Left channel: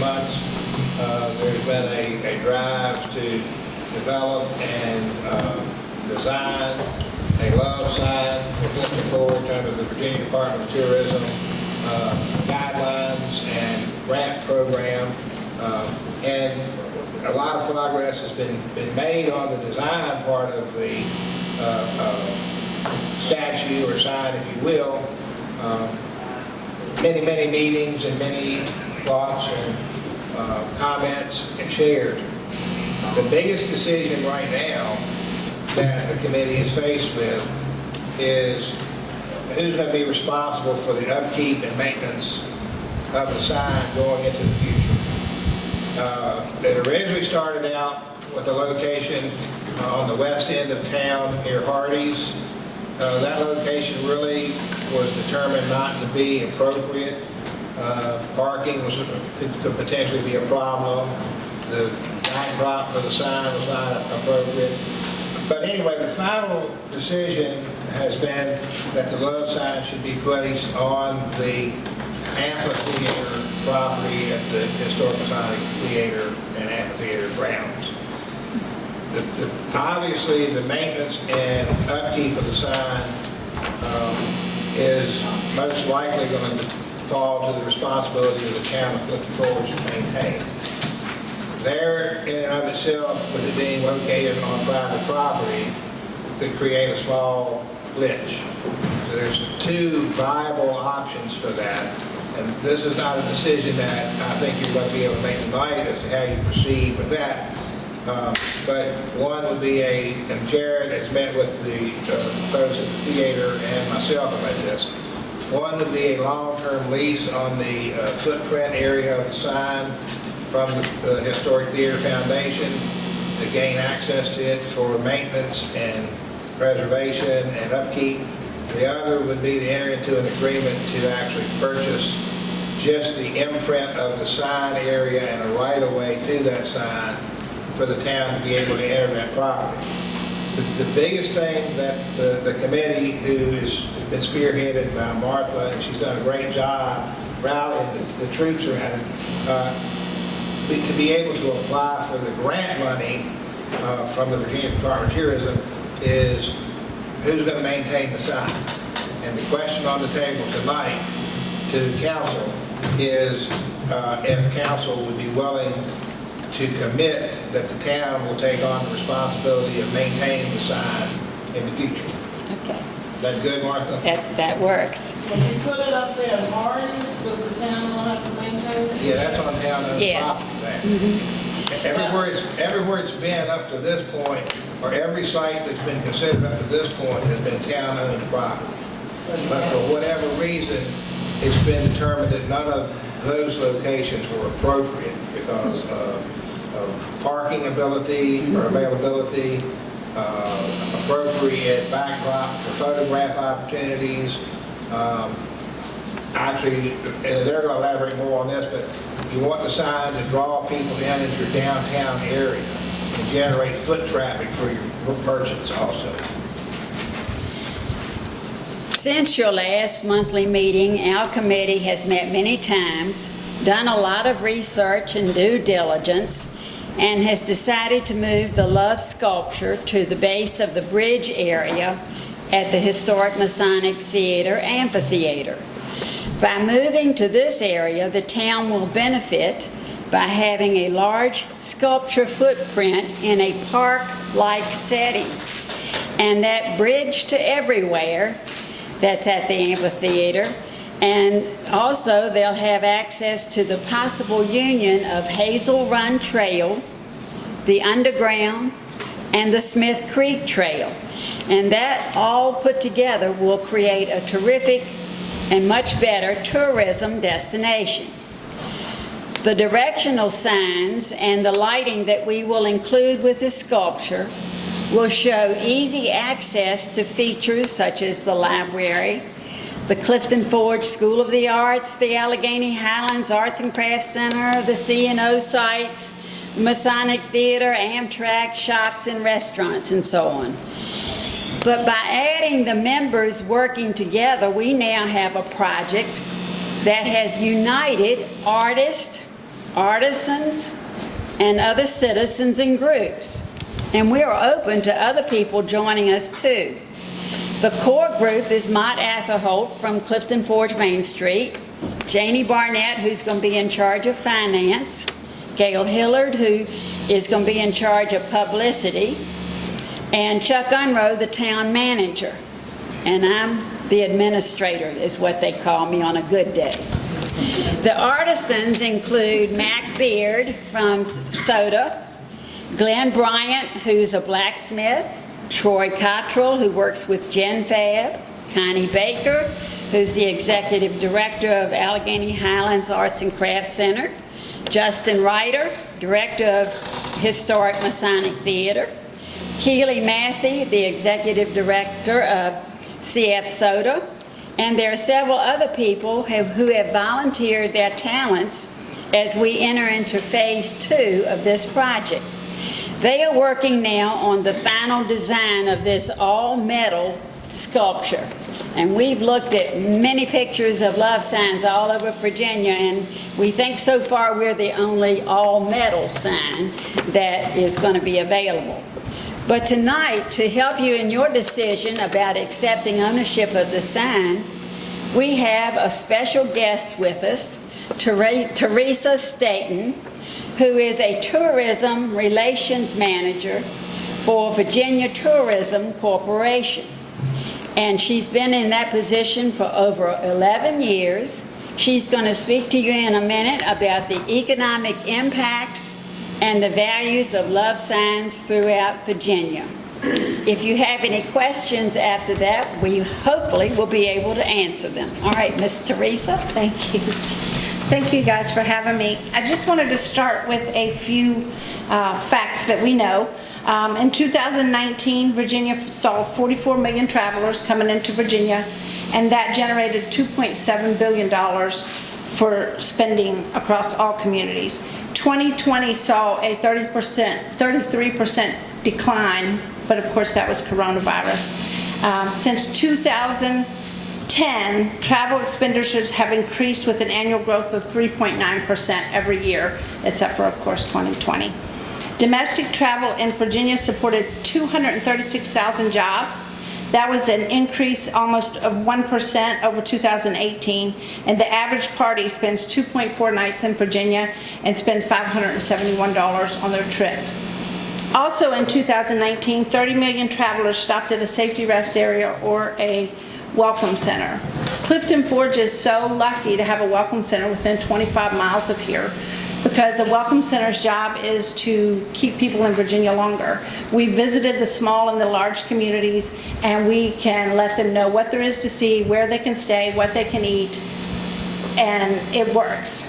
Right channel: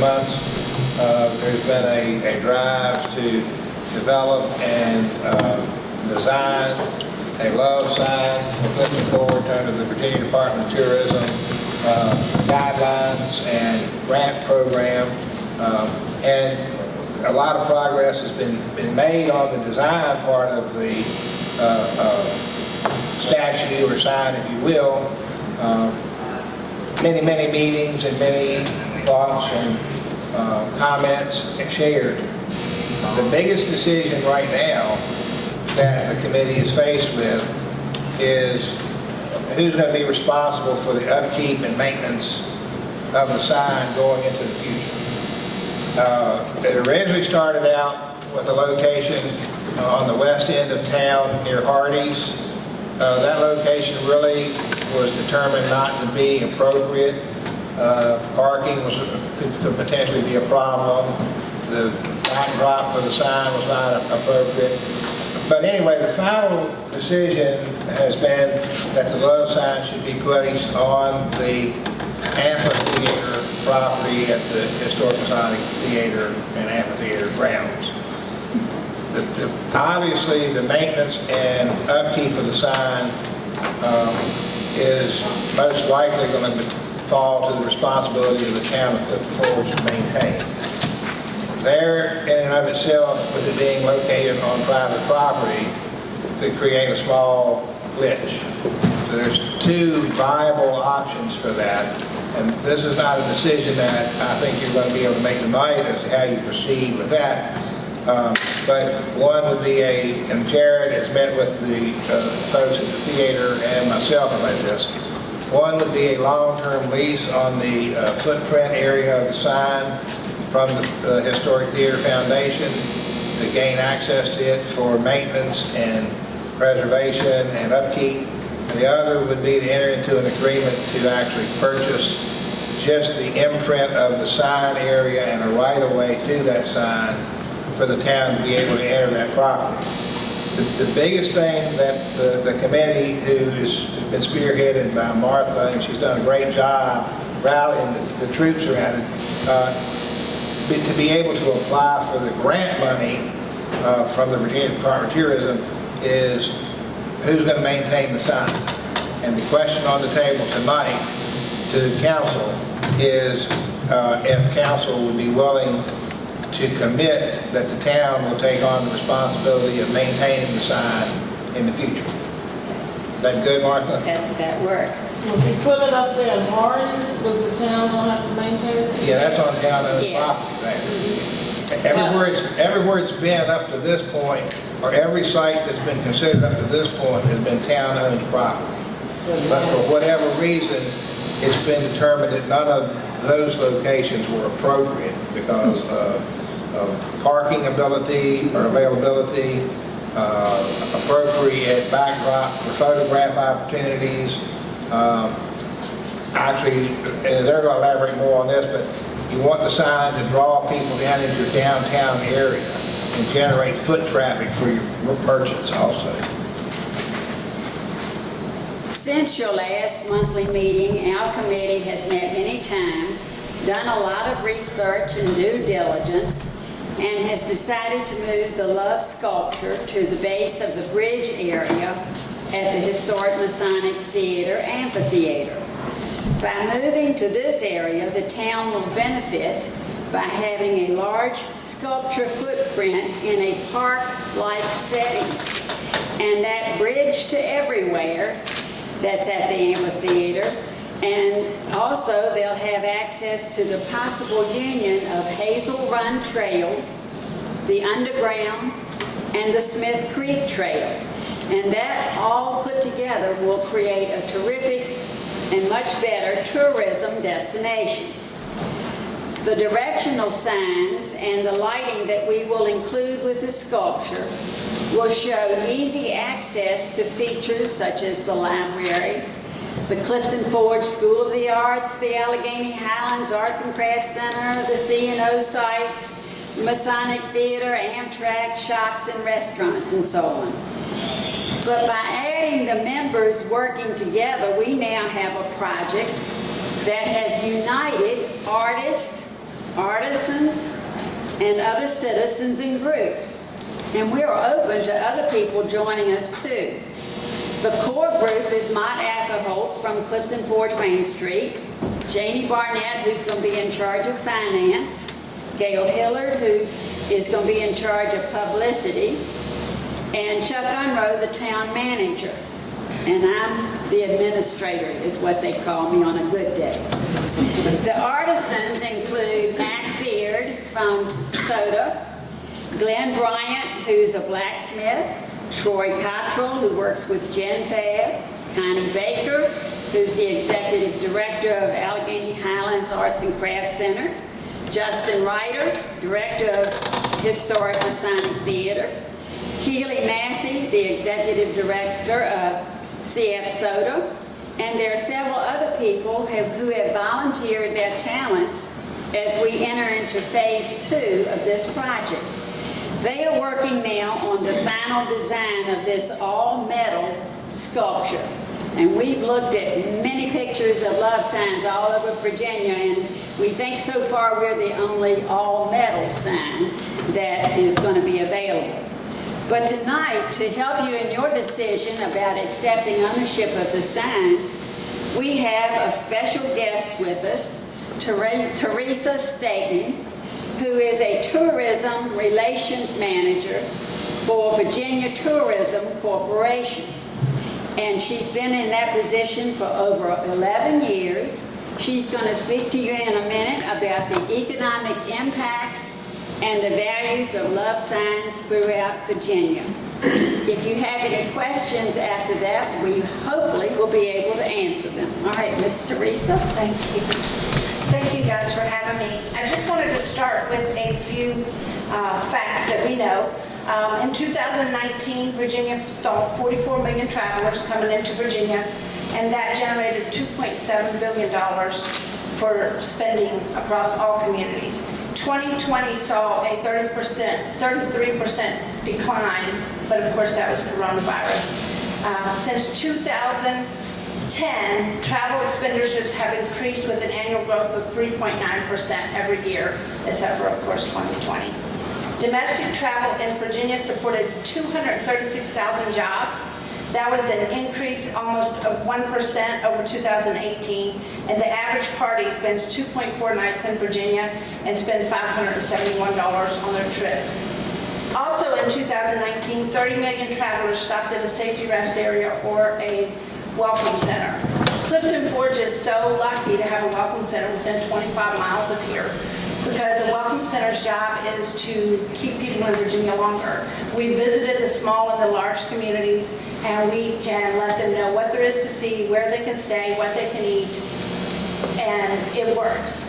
months, there's been a drive to develop and design a love sign for Clifton Forge under the Virginia Department of Tourism guidelines and grant program, and a lot of progress has been made on the design part of the statue or sign, if you will. Many meetings and many thoughts and comments shared. The biggest decision right now that the committee is faced with is who's going to be responsible for the upkeep and maintenance of the sign going into the future. It originally started out with a location on the west end of town near Hardee's. That location really was determined not to be appropriate. Parking could potentially be a problem. The backdrop for the sign was not appropriate. But anyway, the final decision has been that the love sign should be placed on the amphitheater property at the Historic Masonic Theater and Amphitheater grounds. Obviously, the maintenance and upkeep of the sign is most likely going to fall to the responsibility of the town of Clifton Forge to maintain. There, in and of itself, with it being located on private property, could create a small glitch. So there's two viable options for that. And this is not a decision that I think you're going to be able to make tonight as to how you proceed with that. But one would be and Jared has met with the folks at the theater and myself about this. One would be a long-term lease on the footprint area of the sign from the Historic Theater Foundation to gain access to it for maintenance and preservation and upkeep. The other would be to enter into an agreement to actually purchase just the imprint of the sign area and a right-of-way to that sign for the town to be able to enter that property. The biggest thing that the committee, who has been spearheaded by Martha, and she's done a great job rallying the troops around it, to be able to apply for the grant money from the Virginia Department of Tourism is who's going to maintain the sign. And the question on the table tonight to the council is if council would be willing to commit that the town will take on the responsibility of maintaining the sign in the future. Is that good, Martha? That works. When you put it up there in Hardee's, was the town gonna have to maintain it? Yeah, that's on town-owned Yes. property there. Everywhere it's been up to this point, or every site that's been considered up to this point has been town-owned property. But for whatever reason, it's been determined that none of those locations were appropriate because of parking ability or availability, appropriate backdrop for photograph opportunities. Actually, and they're going to elaborate more on this, but you want the sign to draw people down into your downtown area and generate foot traffic for your merchants also. Since your last monthly meeting, our committee has met many times, done a lot of research and due diligence, and has decided to move the love sculpture to the base of the bridge area at the Historic Masonic Theater Amphitheater. By moving to this area, the town will benefit by having a large sculpture footprint in a park-like setting. And that bridge to everywhere that's at the amphitheater. And also they'll have access to the possible union of Hazel Run Trail, the Underground, and the Smith Creek Trail. And that all put together will create a terrific and much better tourism destination. The directional signs and the lighting that we will include with the sculpture will show easy access to features such as the library, the Clifton Forge School of the Arts, the Allegheny Highlands Arts and Crafts Center, the C&O sites, Masonic Theater, Amtrak, shops and restaurants, and so on. But by adding the members working together, we now have a project that has united artists, artisans, and other citizens and groups. And we are open to other people joining us too. The core group is Mott Atherholt from Clifton Forge Main Street, Janie Barnett, who's going to be in charge of finance, Gail Hillard, who is going to be in charge of publicity, and Chuck Unroe, the town manager. And I'm the administrator, is what they call me on a good day. The artisans include Mac Beard from Soda, Glenn Bryant, who's a blacksmith, Troy Cottrell, who works with Gen Fab, Connie Baker, who's the executive director of Allegheny Highlands Arts and Crafts Center, Justin Ryder, director of Historic Masonic Theater, Keely Massey, the executive director of CF Soda, and there are several other people who have volunteered their talents as we enter into phase 2 of this project. They are working now on the final design of this all-metal sculpture. And we've looked at many pictures of love signs all over Virginia, and we think so far we're the only all-metal sign that is going to be available. But tonight, to help you in your decision about accepting ownership of the sign, we have a special guest with us, Teresa Staton, who is a tourism relations manager for Virginia Tourism Corporation. And she's been in that position for over 11 years. She's going to speak to you in a minute about the economic impacts and the values of love signs throughout Virginia. If you have any questions after that, we hopefully will be able to answer them. All right, Miss Teresa. Thank you. Thank you guys for having me. I just wanted to start with a few facts that we know. In 2019, Virginia saw 44 million travelers coming into Virginia, and that generated $2.7 billion for spending across all communities. 2020 saw a 33% decline, but of course that was coronavirus. Since 2010, travel expenditures have increased with an annual growth of 3.9% every year, except for, of course, 2020. Domestic travel in Virginia supported 236,000 jobs. That was an increase almost of 1% over 2018, and the average party spends 2.4 nights in Virginia and spends $571 on their trip. Also in 2019, 30 million travelers stopped at a safety rest area or a welcome center. Clifton Forge is so lucky to have a welcome center within 25 miles of here, because a welcome center's job is to keep people in Virginia longer. We visited the small and the large communities, and we can let them know what there is to see, where they can stay, what they can eat, and it works.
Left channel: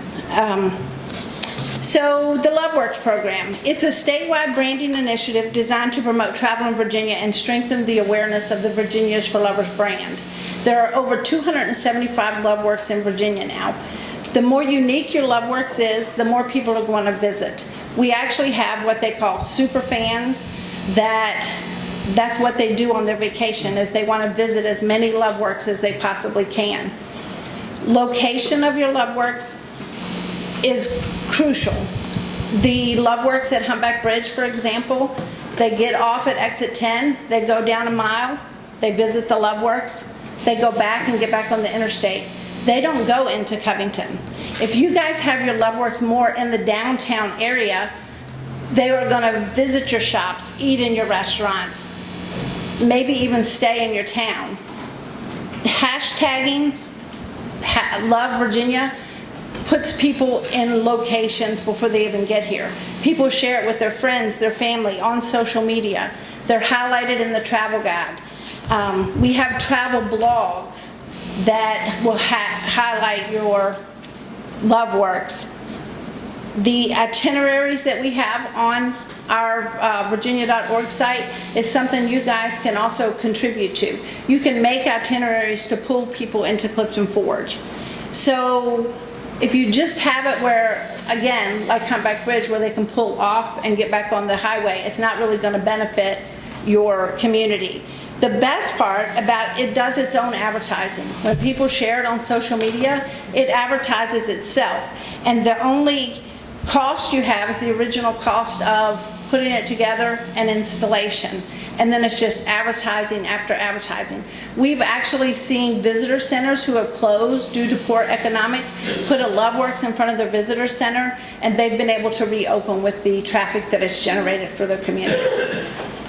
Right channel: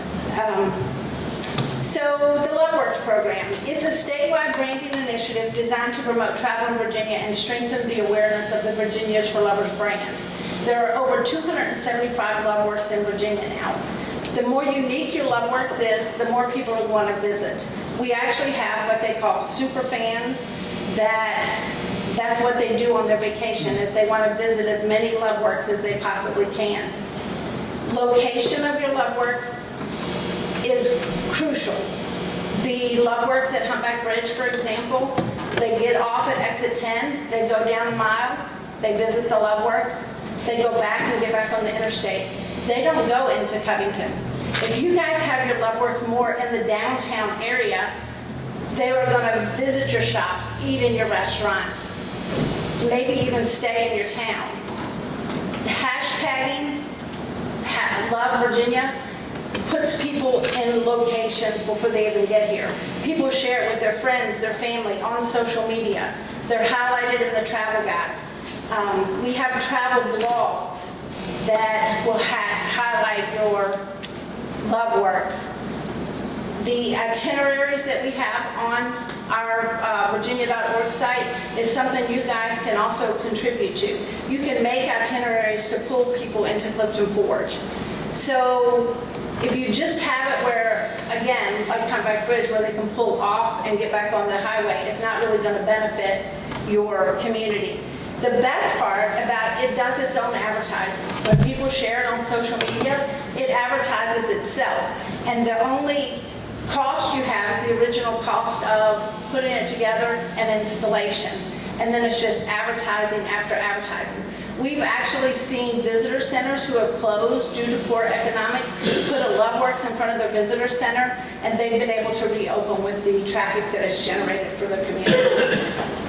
So the LoveWorks program, it's a statewide branding initiative designed to promote travel in Virginia and strengthen the awareness of the Virginia's for Lovers brand. There are over 275 LoveWorks in Virginia now. The more unique your LoveWorks is, the more people are going to visit. We actually have what they call super fans. That's what they do on their vacation, is they want to visit as many LoveWorks as they possibly can. Location of your LoveWorks is crucial. The LoveWorks at Humpback Bridge, for example, they get off at exit 10, they go down a mile, they visit the LoveWorks, they go back and get back on the interstate. They don't go into Covington. If you guys have your LoveWorks more in the downtown area, they are going to visit your shops, eat in your restaurants, maybe even stay in your town. Hashtagging Love Virginia puts people in locations before they even get here. People share it with their friends, their family, on social media. They're highlighted in the travel guide. We have travel blogs that will highlight your LoveWorks. The itineraries that we have on our virginia.org site is something you guys can also contribute to. You can make itineraries to pull people into Clifton Forge. So if you just have it where, again, like Humpback Bridge, where they can pull off and get back on the highway, it's not really going to benefit your community. The best part about it does its own advertising. When people share it on social media, it advertises itself. And the only cost you have is the original cost of putting it together and installation. And then it's just advertising after advertising. We've actually seen visitor centers who have closed due to poor economic put a Loveworks in front of their visitor center, and they've been able to reopen with the traffic that is generated for their community.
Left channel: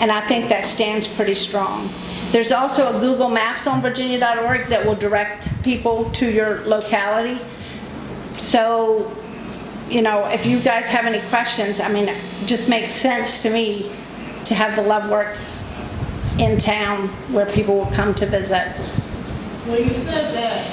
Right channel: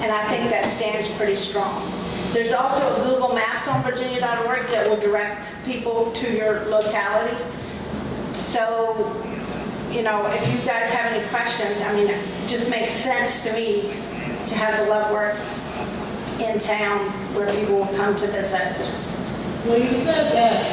And I think that stands pretty strong. There's also a Google Maps on virginia.org that will direct people to your locality. So, you know, if you guys have any questions, I mean, it just makes sense to me to have the Loveworks in town where people will come to visit. Well, you said that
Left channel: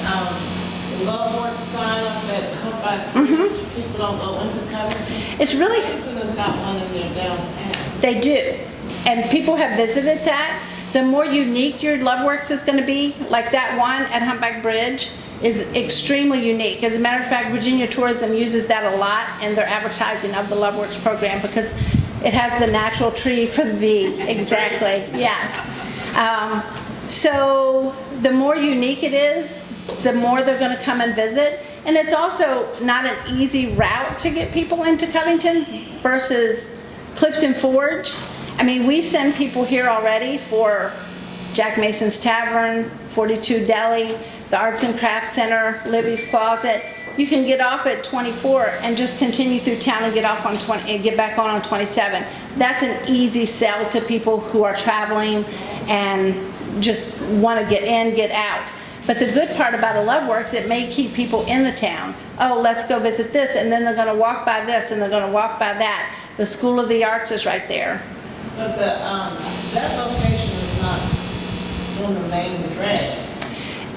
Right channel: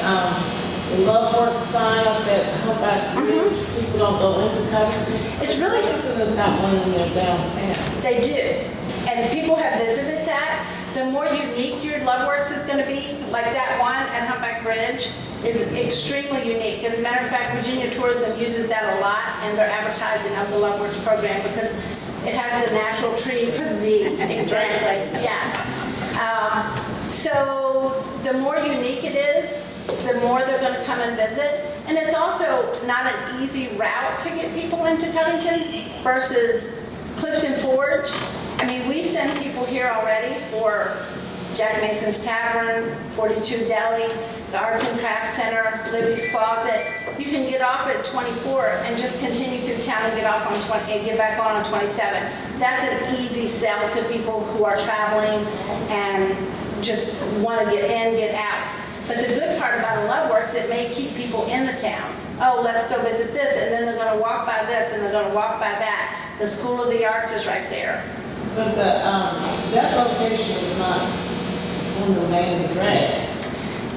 the Loveworks sign up at Humpback Bridge, people don't go into Covington. It's really, Covington has got one in their downtown. they do, and people have visited that. The more unique your Loveworks is going to be, like that one at Humpback Bridge, is extremely unique. As a matter of fact, Virginia Tourism uses that a lot in their advertising of the Loveworks program because it has the natural tree for the V. Exactly, yes. So the more unique it is, the more they're going to come and visit. And it's also not an easy route to get people into Covington versus Clifton Forge. I mean, we send people here already for Jack Mason's Tavern, 42 Deli, the Arts and Crafts Center, Libby's Closet. You can get off at 24 and just continue through town and get off on 20 and get back on 27. That's an easy sell to people who are traveling and just want to get in, get out. But the good part about a Loveworks, it may keep people in the town. Oh, let's go visit this, and then they're going to walk by this, and they're going to walk by that. The School of the Arts is right there. But that location is not on the main drag.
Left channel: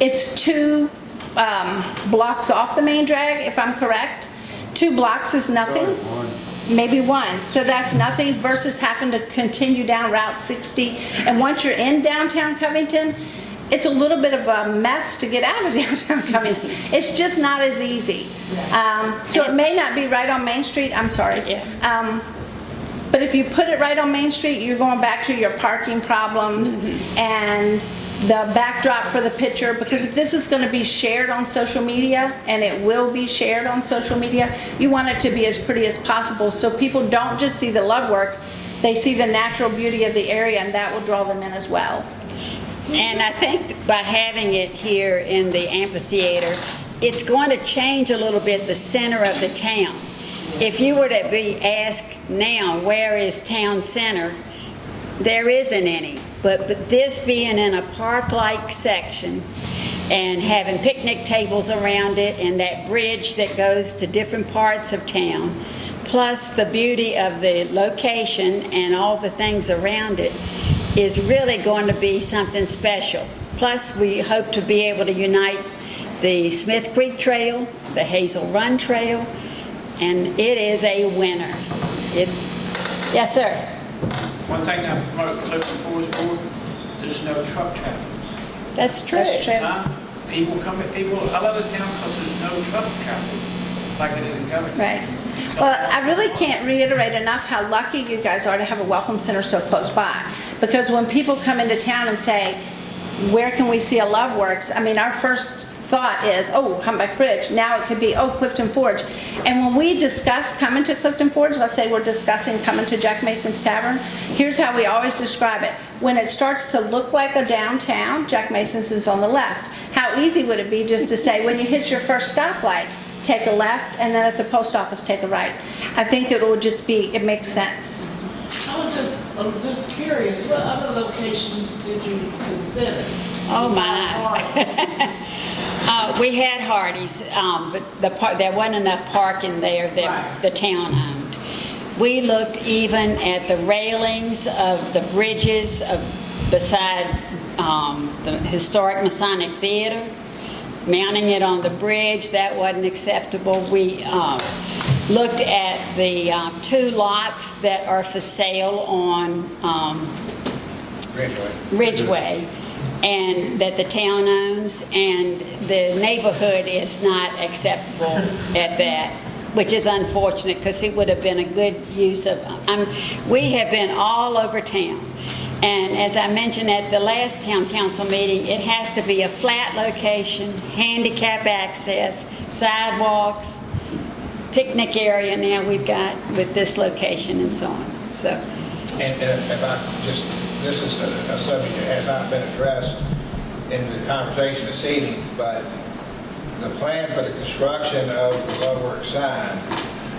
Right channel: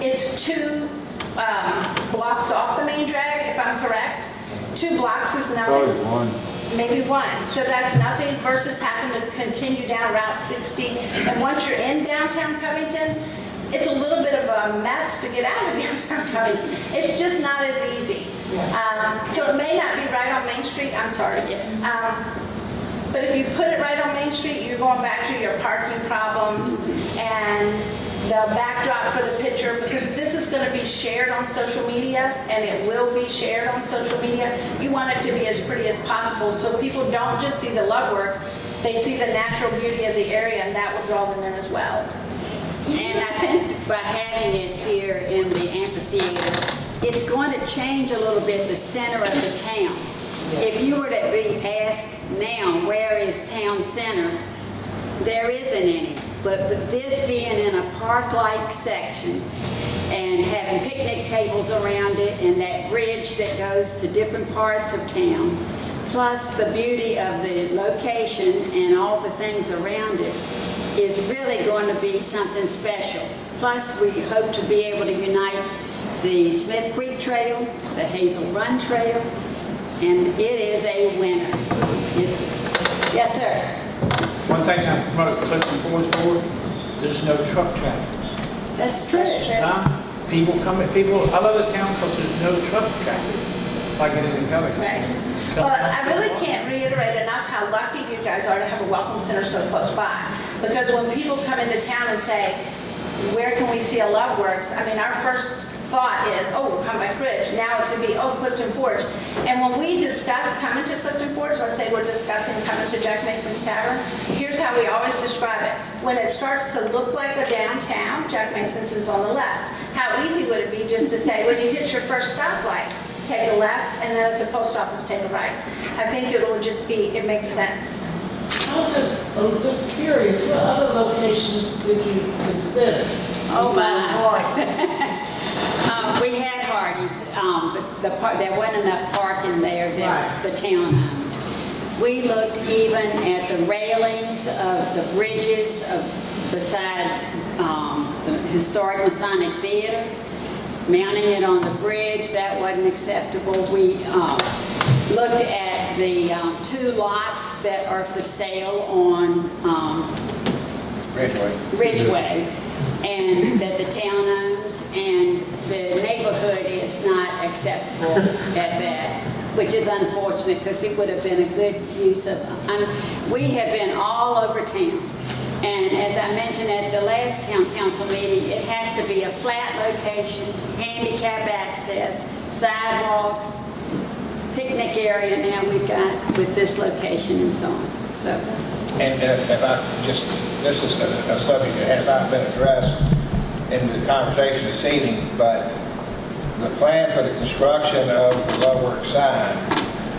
It's 2 blocks off the main drag, if I'm correct. 2 blocks is nothing. Probably one. Maybe 1. So that's nothing versus having to continue down Route 60. And once you're in downtown Covington, it's a little bit of a mess to get out of downtown Covington. It's just not as easy. So it may not be right on Main Street. I'm sorry. But if you put it right on Main Street, you're going back to your parking problems and the backdrop for the picture, because if this is going to be shared on social media, and it will be shared on social media, you want it to be as pretty as possible so people don't just see the Loveworks, they see the natural beauty of the area, and that will draw them in as well. And I think by having it here in the amphitheater, it's going to change a little bit the center of the town. If you were to be asked now, where is town center, there isn't any. But this being in a park-like section and having picnic tables around it and that bridge that goes to different parts of town, plus the beauty of the location and all the things around it, is really going to be something special. Plus, we hope to be able to unite the Smith Creek Trail, the Hazel Run Trail, and it is a winner. Yes, sir. One thing I promote Clifton Forge for, there's no truck traffic. That's true. That's true. People come, I love this town because there's no truck traffic, like it is in Covington. Right. Well, I really can't reiterate enough how lucky you guys are to have a welcome center so close by. Because when people come into town and say, where can we see a Loveworks? I mean, our first thought is, oh, Humpback Bridge. Now it could be, oh, Clifton Forge. And when we discuss coming to Clifton Forge, let's say we're discussing coming to Jack Mason's Tavern, here's how we always describe it. When it starts to look like a downtown, Jack Mason's is on the left. How easy would it be just to say, when you hit your first stoplight, take a left, and then at the post office, take a right. I think it will just be, it makes sense. I'm just curious, what other locations did you consider? Oh, my. We had Hardee's, but there wasn't enough parking there that the town owned. We looked even at the railings of the bridges beside the historic Masonic Theater, mounting it on the bridge. That wasn't acceptable. We looked at the 2 lots that are for sale on Ridgeway, and that the town owns, and the neighborhood is not acceptable at that, which is unfortunate because it would have been a good use of, we have been all over town. And as I mentioned at the last town council meeting, it has to be a flat location, handicap access, sidewalks, picnic area now we've got with this location and so on. So, And if I just, this is a subject that has not been addressed in the conversation this evening, but the plan for the construction of the Love Works sign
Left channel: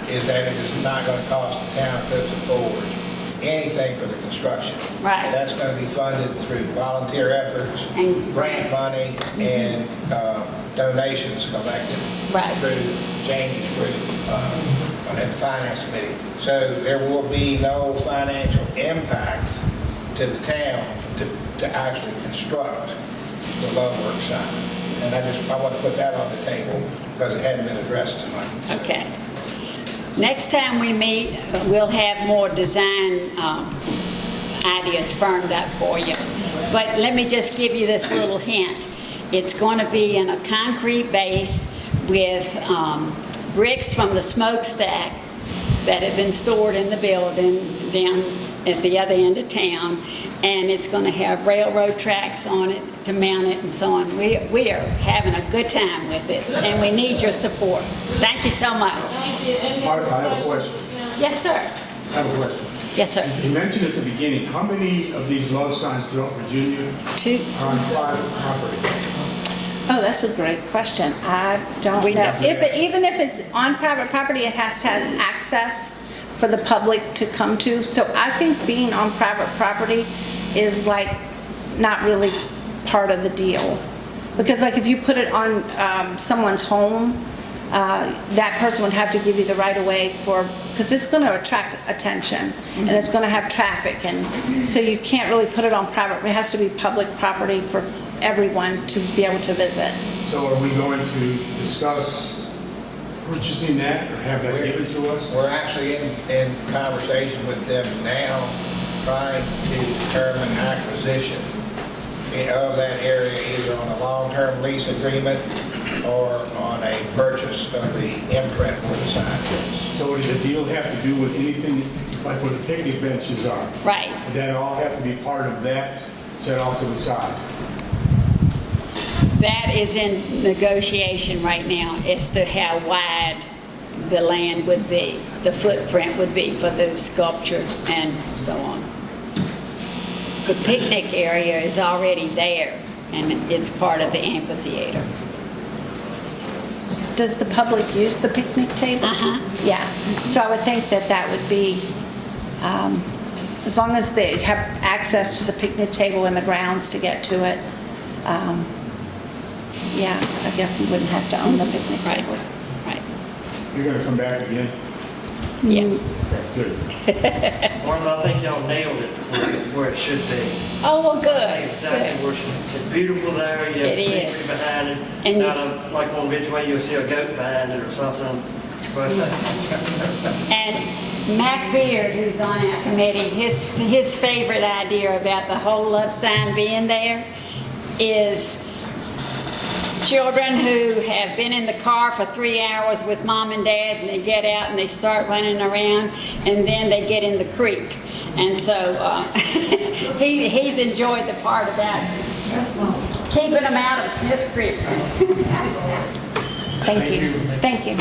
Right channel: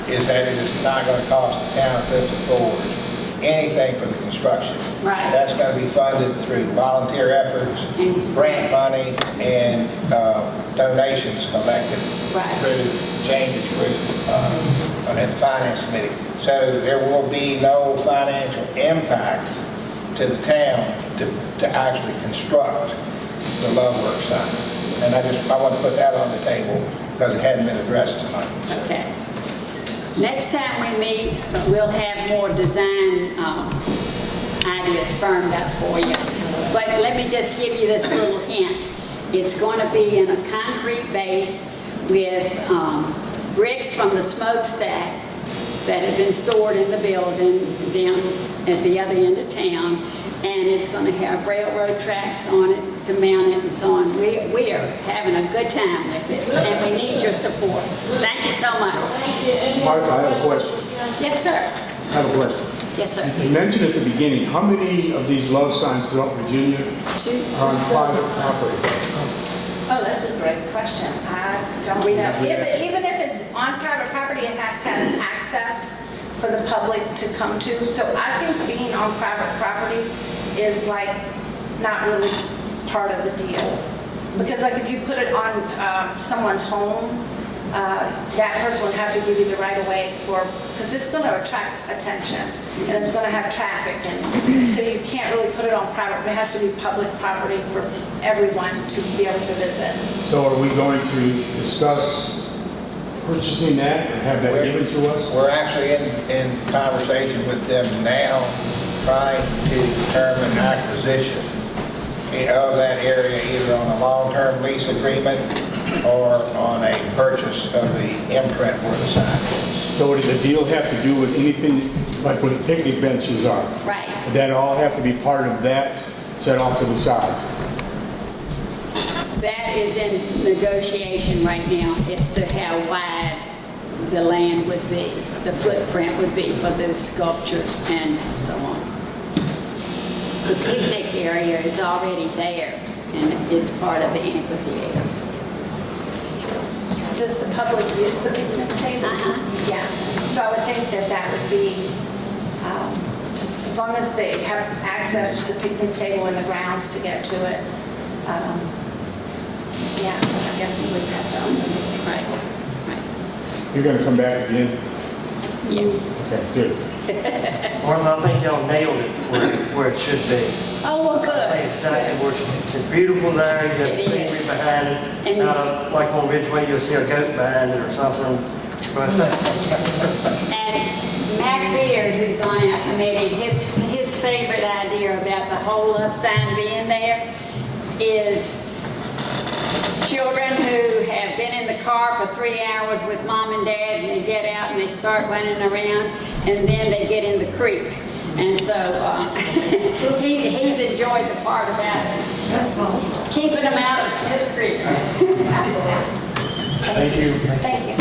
is that it is not going to cost the town of Clifton Forge anything for the construction. Right. That's going to be funded through volunteer efforts, And grant money, and donations collected Right. through changes through the finance committee. So there will be no financial impact to the town to actually construct the Love Works sign. And I want to put that on the table because it hadn't been addressed tonight. okay. Next time we meet, we'll have more design ideas firmed up for you. But let me just give you this little hint. It's going to be in a concrete base with bricks from the smokestack that have been stored in the building down at the other end of town. And it's going to have railroad tracks on it to mount it and so on. We are having a good time with it, and we need your support. Thank you so much. Thank you. Any Martha, I have a other question. questions? Yes, sir. I have a question. Yes, sir. You mentioned at the beginning, how many of these love signs throughout Virginia Two. are on private property? Oh, that's a great question. I don't know. Even if it's on private property, it has to have access for the public to come to. So I think being on private property is like not really part of the deal. Because like if you put it on someone's home, that person would have to give you the right of way because it's going to attract attention and it's going to have traffic, and so you can't really put it on private. It has to be public property for everyone to be able to visit. So are we going to discuss purchasing that or have that given to us? We're actually in conversation with them now, trying to determine acquisition of that area, either on a long-term lease agreement or on a purchase of the imprint where the sign is. So does the deal have to do with anything like where the picnic benches are? Right. That all have to be part of that set off to the side? That is in negotiation right now as to how wide the land would be, the footprint would be for the sculpture and so on. The picnic area is already there, and it's part of the amphitheater. Does the public use the picnic table? Uh-huh. Yeah. So I would think that that would be, as long as they have access to the picnic table and the grounds to get to it. Yeah, I guess you wouldn't have to own the picnic table. Right. You're going to come back again? Yes. Okay, good. Martin, I think y'all nailed it where it should be. Oh, well, I good. think exactly where it should be. It's beautiful there, you have It the scenery is. behind it. And you Like on Ridgeway, you'll see a goat behind it or something. But And Mac Beard, who's on our committee, his favorite idea about the whole love sign being there is children who have been in the car for 3 hours with mom and dad, and they get out and they start running around, and then they get in the creek. And so he's enjoyed the part about keeping them out of Smith Creek. Thank you. Thank you.